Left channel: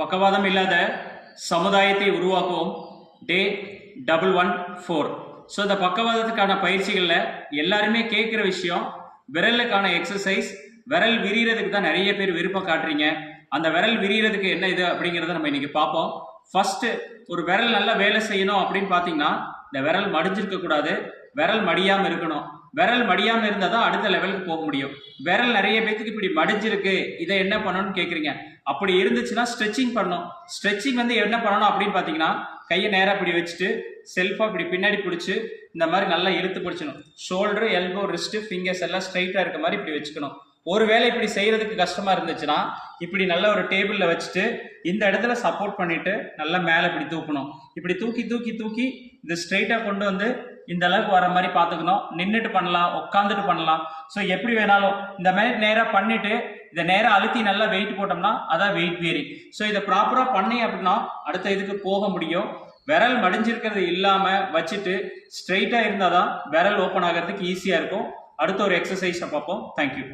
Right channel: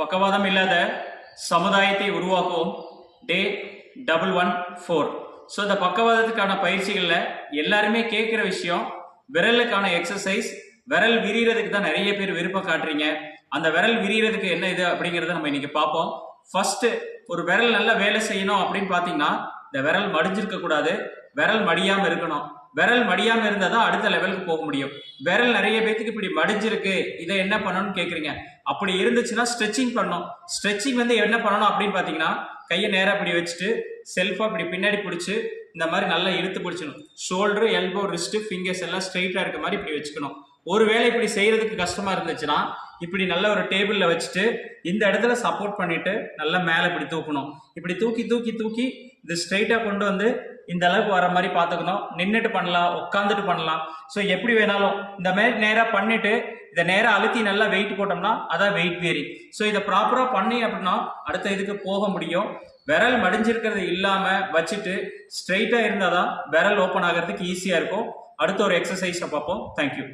பக்கவாதம் இல்லாத சமுதாயத்தை உருவாக்குவோம். Day double one four. So இந்த பக்கவாதத்துக்கான பயிற்சிகளில் எல்லாருமே கேட்குற விஷயம் விரலுக்கான எக்ஸசைஸ் விரல் விரிகிறதுக்கு தான் நிறைய பேர் விருப்பம் காட்டுறீங்க. அந்த விரல் விரிகிறதுக்கு என்ன இது அப்படிங்கிறத நம்ம இன்னைக்கு பார்ப்போம். ஃபர்ஸ்ட் ஒரு விரல் நல்லா வேலை செய்யணும் அப்படின்னு பார்த்தீங்கன்னா இந்த விரல் மடிஞ்சிருக்க கூடாது விரல் மடியாமல் இருக்கணும். விரல் மடியாமல் இருந்தால் தான் அடுத்த லெவலுக்கு போக முடியும். விரல் நிறைய பேத்துக்கு இப்படி மடிஞ்சிருக்கு இதை என்ன பண்ணணும்னு கேட்குறீங்க அப்படி இருந்துச்சுன்னா ஸ்ட்ரெச்சிங் பண்ணணும். ஸ்ட்ரெச்சிங் வந்து என்ன பண்ணணும் அப்படின்னு பார்த்தீங்கன்னா கையை நேராக இப்படி வச்சுட்டு செல்ஃபாக இப்படி பின்னாடி பிடிச்சி இந்த மாதிரி நல்லா இழுத்து பிடிச்சணும் ஷோல்டர் எல்போ ரிஸ்ட்டு ஃபிங்கர்ஸ் எல்லாம் ஸ்ட்ரைட்டாக இருக்க மாதிரி இப்படி வச்சுக்கணும். ஒருவேளை இப்படி செய்கிறதுக்கு கஷ்டமாக இருந்துச்சுன்னா இப்படி நல்ல ஒரு டேபிளில் வச்சுட்டு இந்த இடத்துல சப்போர்ட் பண்ணிட்டு நல்லா மேலே இப்படி தூக்கணும். இப்படி தூக்கி தூக்கி தூக்கி இது ஸ்ட்ரைட்டாக கொண்டு வந்து இந்த அளவுக்கு வர மாதிரி பார்த்துக்கணும். நின்றுட்டு பண்ணலாம் உட்காந்துட்டு பண்ணலாம். ஸோ எப்படி வேணாலும் இந்த மாதிரி நேராக பண்ணிட்டு இதை நேராக அழுத்தி நல்லா வெயிட் போட்டோம்னா அதான் வெயிட் வேரிங் ஸோ இதை ப்ராப்பராக பண்ணி அப்படின்னா அடுத்த இதுக்கு போக முடியும். விரல் மடிஞ்சிருக்கிறது இல்லாமல் வச்சுட்டு ஸ்ட்ரைட்டாக இருந்தால் தான் விரல் ஓப்பன் ஆகிறதுக்கு ஈஸியாக இருக்கும். அடுத்த ஒரு எக்ஸசைஸை பார்ப்போம். தேங்க்யூ